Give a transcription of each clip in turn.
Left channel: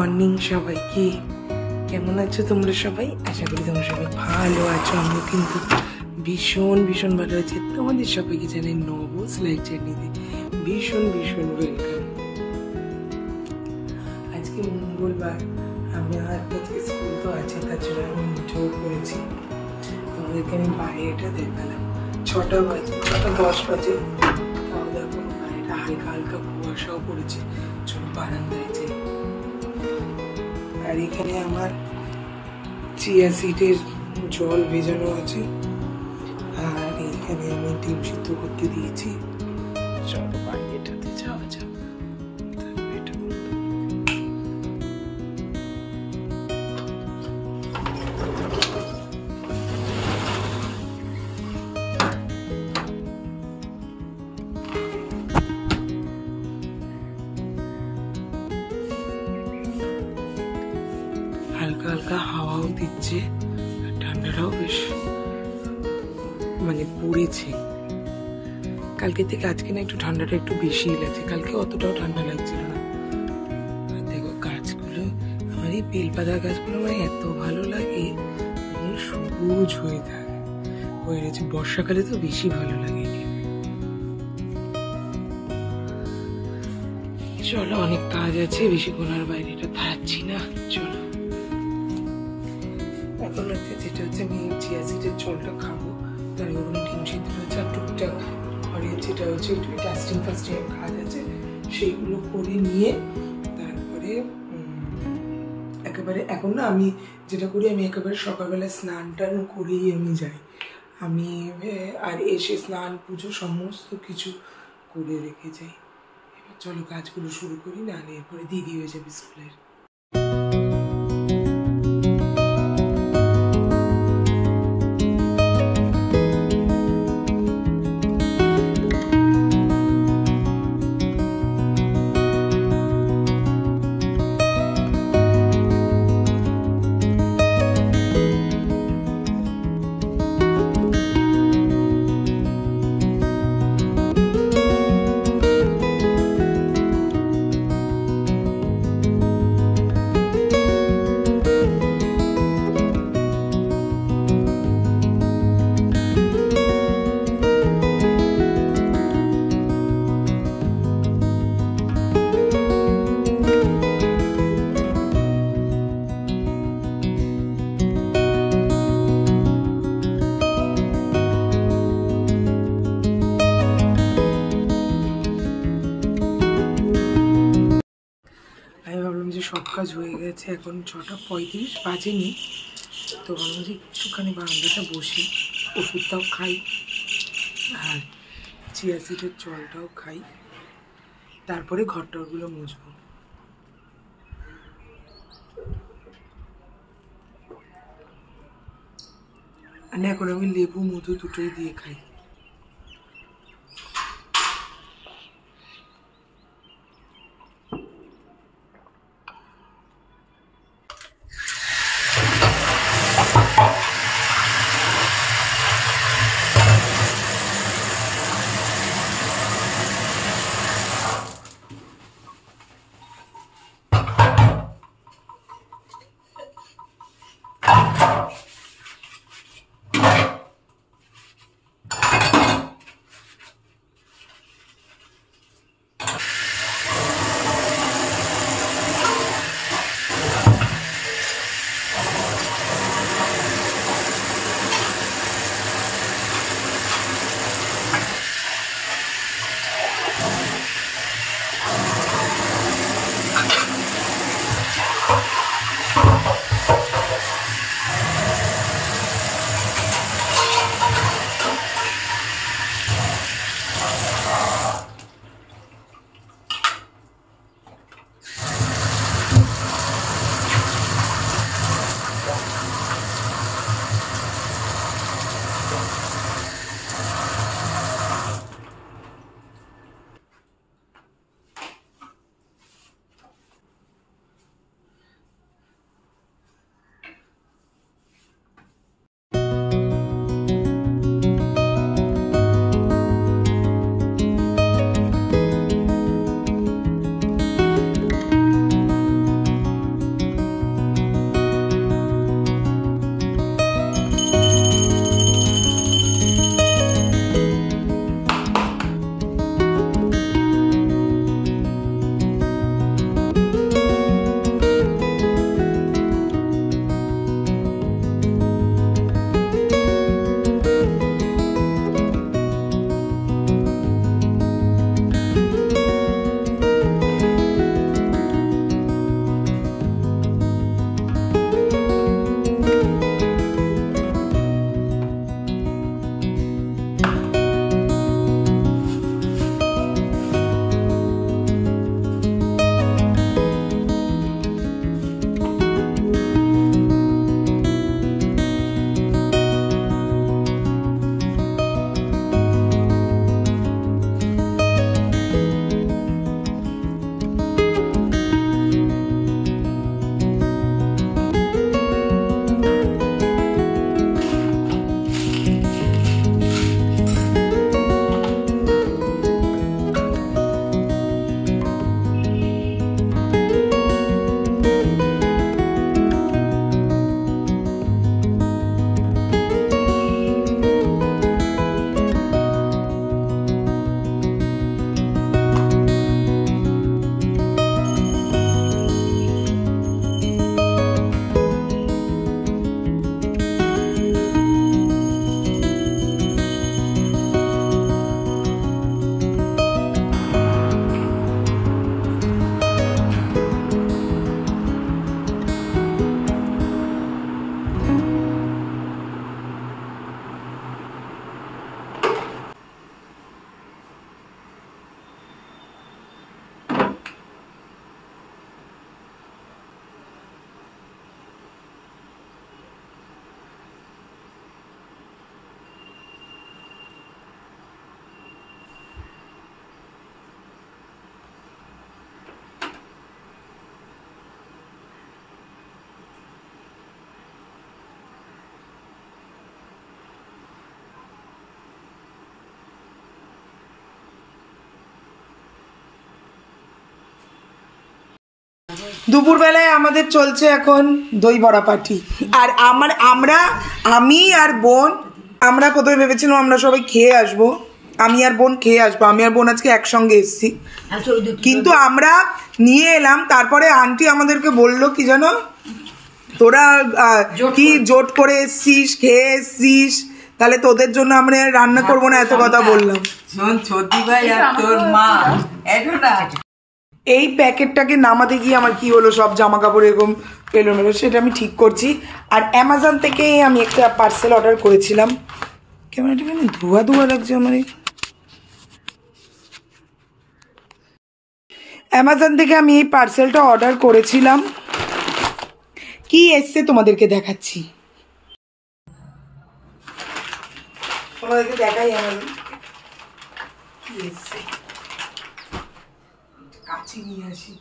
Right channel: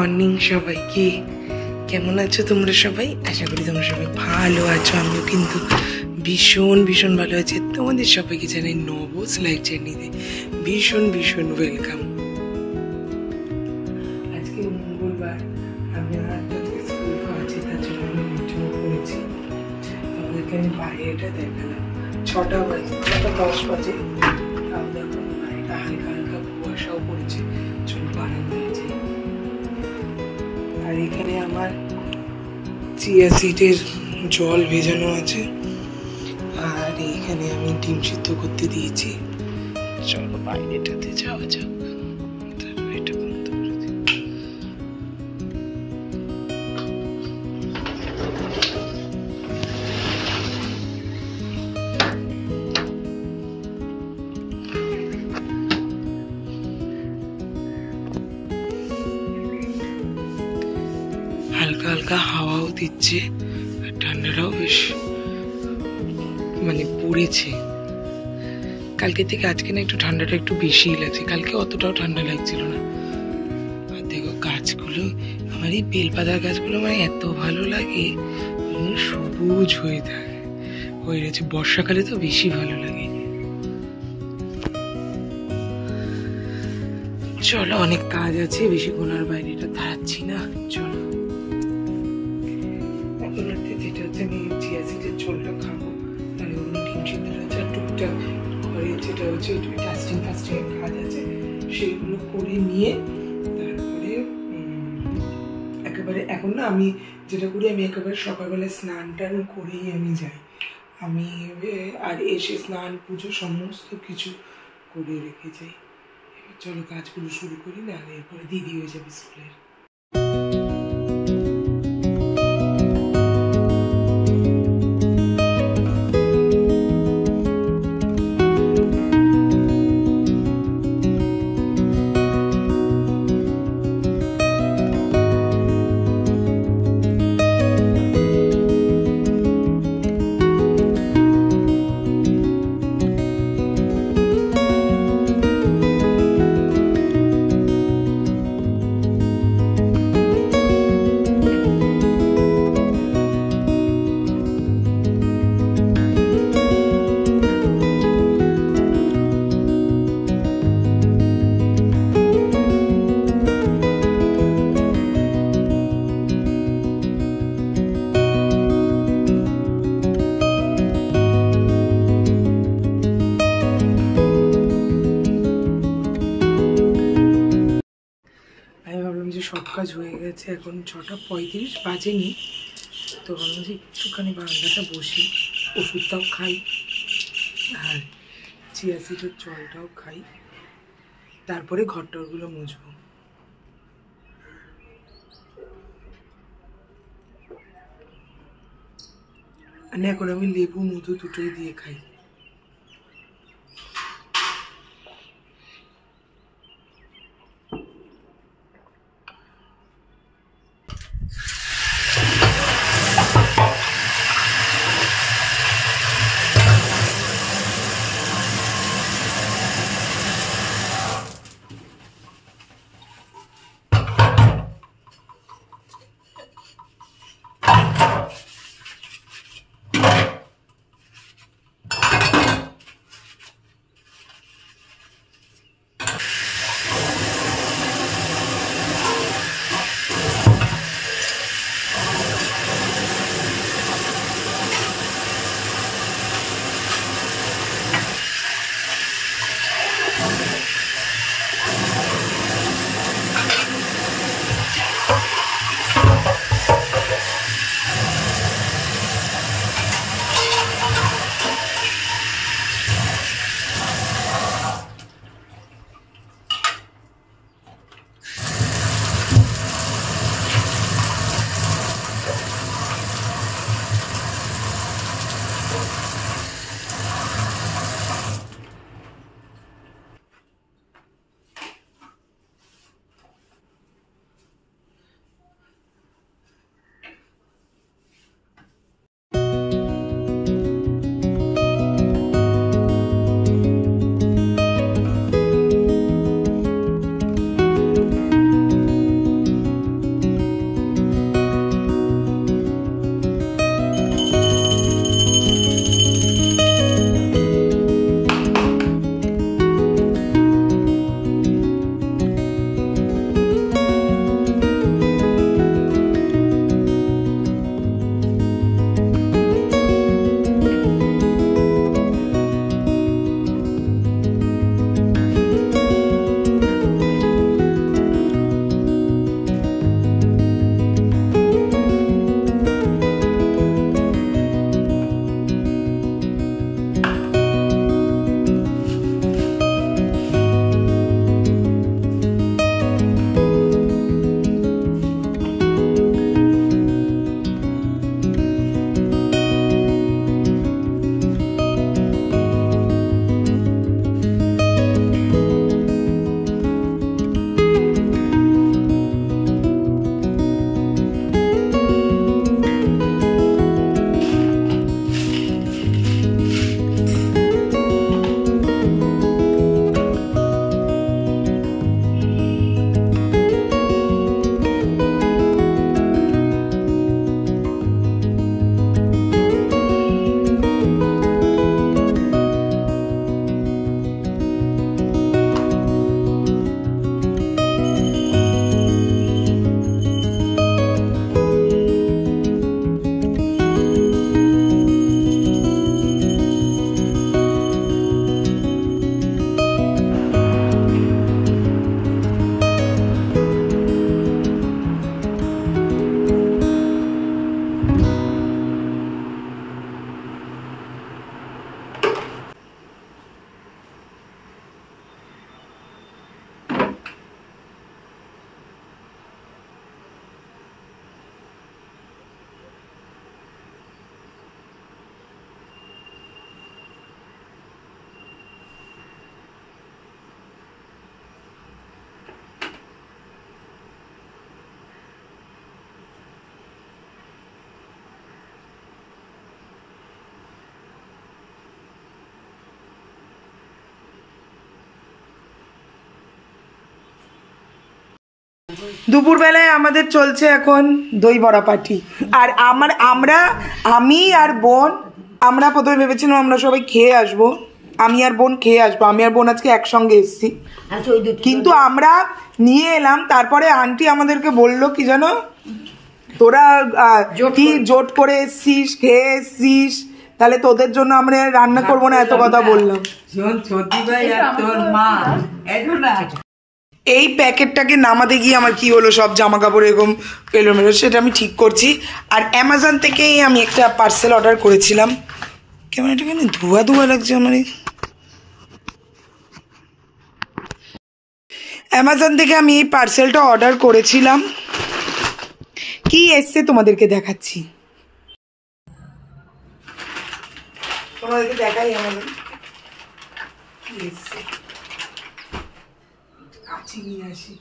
Morning সবাইকে। কেমন আছো তোমরা সবাই? আশা করি তোমরা সবাই ভালো আছো। আমিও কিন্তু ভীষণ ভীষণ ভালো আছি। তোমাদের সবাইকে জানাই নবস লাইফ জার্নিতে ভীষণ ভীষণ ওয়েলকাম। আজকে মঙ্গলবার, আমি আজকে স্কুল তো আছে, তার জন্য আমি মিটিং করেছি। তোমাদেরকে আমি বাইরেটা দেখালাম। 6টা বাজে, 6:10 বাজে। তাও দেখো বাইরেটা হালকা হালকা কুয়াশাও পড়েছে। চলো বারান্দায় যাই। আর এখানে আমার চিয়া সিডের জল ভেজানো আছে, আর এখানে আমি ডিম সিদ্ধ করতে দিয়েছি। চলো বাইরেটাতে যাওয়া যাক। এটা বন্ধ করে দিই। হালকা হালকা হাওয়াও দিচ্ছে, আর ঠান্ডাটাও বেশ পড়েছে। কালকে থেকে আজকে না একটু ঠান্ডাটা একটু বেশিই লাগছে, কালকে অতটাও ঠান্ডা লাগছিল না। আর দেখো গাছগুলো, আমার এই বেলপাতার গাছগুলো এত ভালো লাগে, সবুজ হয়ে থাকে, হয়ে রয়েছে। বর্ষাকালে তো বেশি ভালো লাগে। চলো, অনেক কাজ আছে, বেশিক্ষণ আর বাইরেটা থাকছি না। চলো এখন যেটা হচ্ছে, আমি চিয়া সিডের জলটা খাবো, তার ওগুলো ডিম সিদ্ধ হয়েছে, আর টুকটাক ঘরে যেটা হচ্ছে একটু ডাস্টিং ফাস্টিং কাজ আছে, সেইগুলো করে নিয়ে তারপরে একেবারে এখন না আমি যেটা করি, আমি একেবারে সকালবেলা স্নান টান করেই আমি যাই। আমি আর এসে স্নান পুজো সমস্ত কিছু করে রেখে যাই। চলো কাজগুলো শুরু করি, না এরপরে দেরি হয়ে যাবে স্কুলের। আমি ভাবলাম যে সব কাজ হয়ে গেছে, এখন 6:35 বাজেনি, তো ভাবলাম যে একটুখানি বারান্দাটা বসি, ওষুধটাও খাই আর চিয়া সিডের জলটাও খাই, তারপরে ঘরটরগুলো মুছবো। আর এখন আমি লেবু মধু দুটোই দিয়ে খাই। দুপুরবেলায় আমাদের চলছে এখন দই বড়া পার্টি। আর আমি আর বোন, আমরা প্রথমে ভেবেছিলাম আমরা সবাই খেয়ে আসবো, আমি আর বোন খেয়ে আসবো, আমি আর বোন আজকে একসঙ্গে এসেছি, কিন্তু আমরা নিয়ে এলাম। তারপরে আন্টি আমাদেরকে বললো কি জানো, তোরা কি জোট করে এসছিস, খেয়ে এসছিস, তাহলে তোদের জন্য আমরা রান্না করবো না, এত কথা বললাম। এই প্যাকেটটাকে নামাতে গিয়ে আমার কি হলো, সব জামা কাপড় এরকম এলোমেলো, সেটা আমি ঠিক করছি। আর অ্যামাজন থেকেই আমি একটা পার্সেল অর্ডার করেছিলাম। কেমন এটা কেন ধোয়া ধোয়া লাগছে আমার। অ্যামাজন থেকে আমি এই পার্সেলটা অর্ডার করেছিলাম। কি এসছে তোমাদেরকে দেখাচ্ছি, তোমাদেরকে দেখাই অ্যামাজন কি এসছে। কাছে নিয়ে আসি।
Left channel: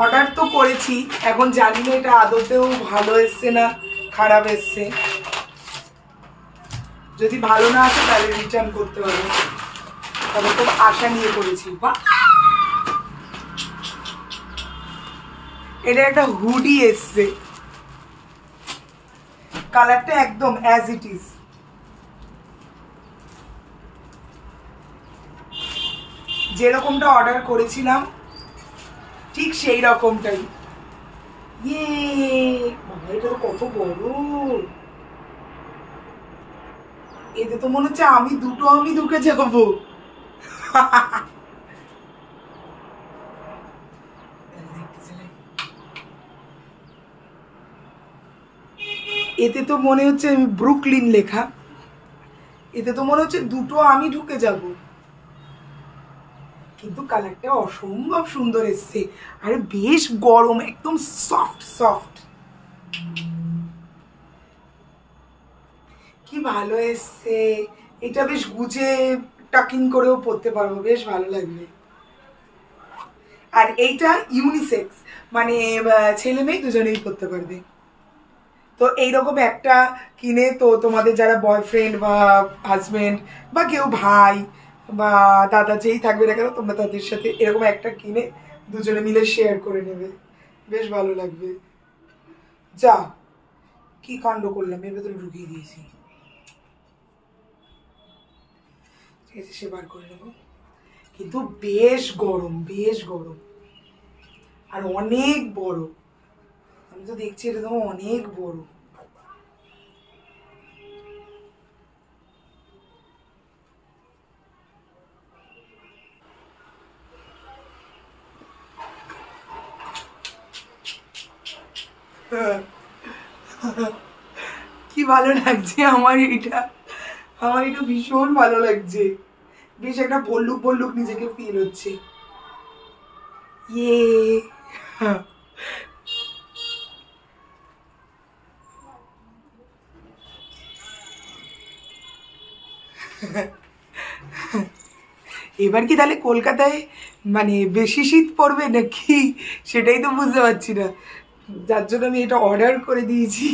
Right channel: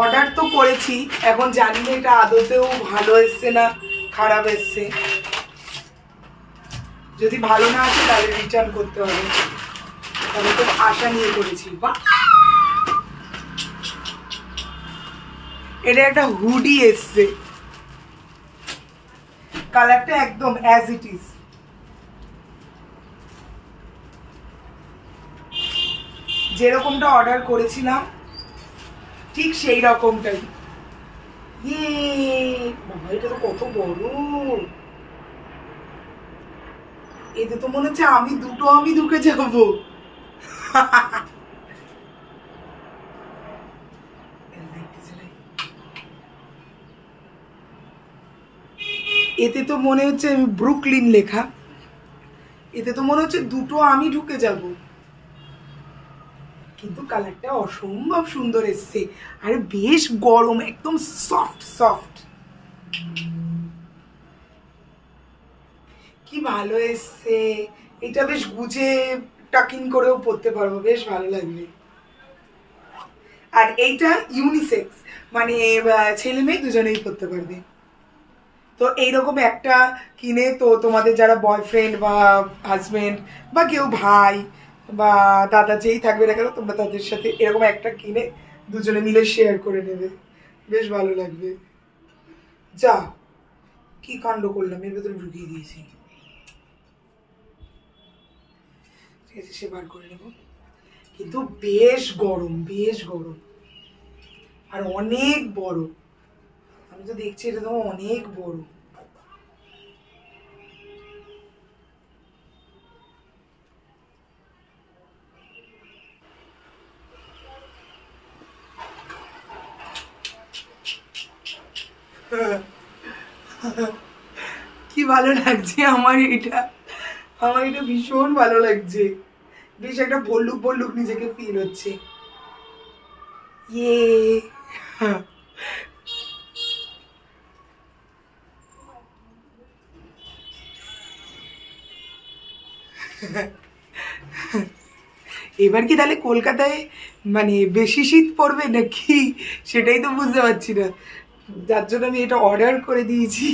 অর্ডার তো করেছি, এখন জানি না এটা আদতেও ভালো এসছে না খারাপ এসছে। যদি ভালো না আসে তাহলে রিটার্ন করতে হবে, তবে তো আশা নিয়ে করেছি। বা এটা একটা হুডি এসছে, কালারটা একদম অ্যাজ ইট ইজ, যেরকমটা অর্ডার করেছিলাম ঠিক সেই রকমটাই। বাবা এটা তো কত বড়, এতে তো মনে হচ্ছে আমি ঢুকে যাবো। এতে তো মনে হচ্ছে ব্রুকলিন লেখা, এতে তো মনে হচ্ছে দুটো আমি ঢুকে যাব, কিন্তু কালারটা অসম্ভব সুন্দর এসছে। আরে বেশ গরম, একদম সফট সফট, কি ভালো এসছে। এটা বেশ গুজে টাকিং করেও পরতে পারবো, বেশ ভালো লাগবে। আর এইটা ইউনিসেক্স, মানে ছেলে মেয়ে দুজনেই পরতে পারবে। তো এইরকম একটা কিনে তো তোমাদের যারা বয়ফ্রেন্ড বা হাজব্যান্ড বা কেউ ভাই বা দাদা যেই থাকবে না কেন, তোমরা তাদের সাথে এরকম একটা কিনে দুজনে মিলে শেয়ার করে নেবে, বেশ ভালো লাগবে। যা কি কাণ্ড করলাম, এর ভেতরে ঢুকিয়ে দিয়েছি। ঠিক আছে, সে বার করে নেব, কিন্তু বেশ গরম, বেশ গরম আর অনেক বড়। আমি তো দেখছি এটা তো অনেক বড়। কি ভালো লাগছে আমার এটা, আমার এটা ভীষণ ভালো লাগছে, বেশ একটা ভল্লুক ভল্লুক নিজেকে ফিল হচ্ছে। ইয়ে এবার কি তাহলে কলকাতায় মানে বেশি শীত পড়বে নাকি, সেটাই তো বুঝতে পারছি না, যার জন্য আমি এটা অর্ডার করে দিয়েছি।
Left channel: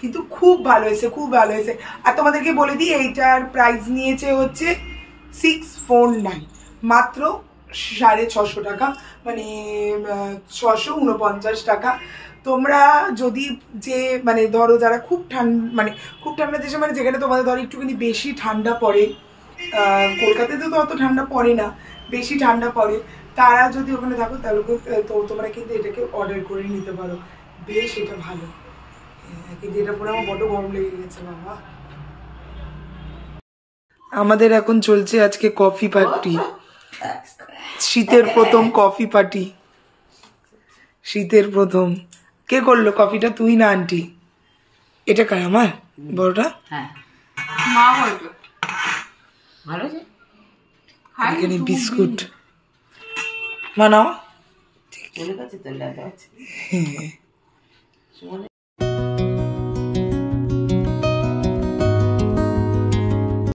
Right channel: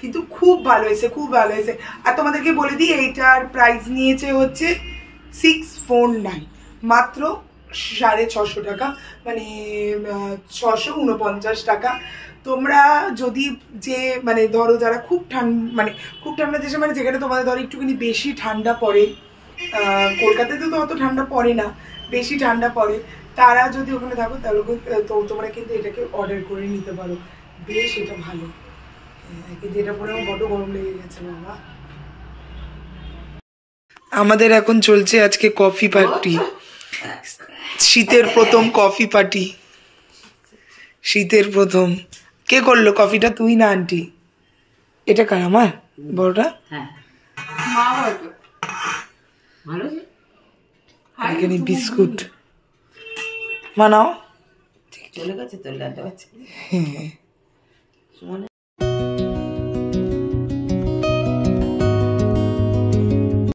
কিন্তু খুব ভালো হয়েছে, খুব ভালো হয়েছে। আর তোমাদেরকে বলে দিই এইটার প্রাইস নিয়েছে হচ্ছে 649, মাত্র 650 টাকা, মানে 649 টাকা। তোমরা যদি যে মানে ধরো যারা খুব ঠান্ডা দেশে, মানে যেখানে তোমাদের ধরো একটুখানি বেশি ঠান্ডা পড়ে, কলকাতাতে তো অত ঠান্ডা পড়ে না, বেশি ঠান্ডা পড়ে, তারা যদি ওখানে থাকো তাহলে তো তোমরা কিন্তু এটাকে অর্ডার করে নিতে পারো, বেশ এটা ভালো। কিন্তু এটা পরে আমার বড্ড গরম লেগে গেছে বাবা। আমাদের এখন চলছে আজকে কফি পার্টি, শীতের প্রথম কফি পার্টি, শীতের প্রথম। কে করলো কফিটা, তুই না আন্টি? এটা কার, আমার বড়টা? এখানে বিস্কুট মানাও, ঠিক আছে।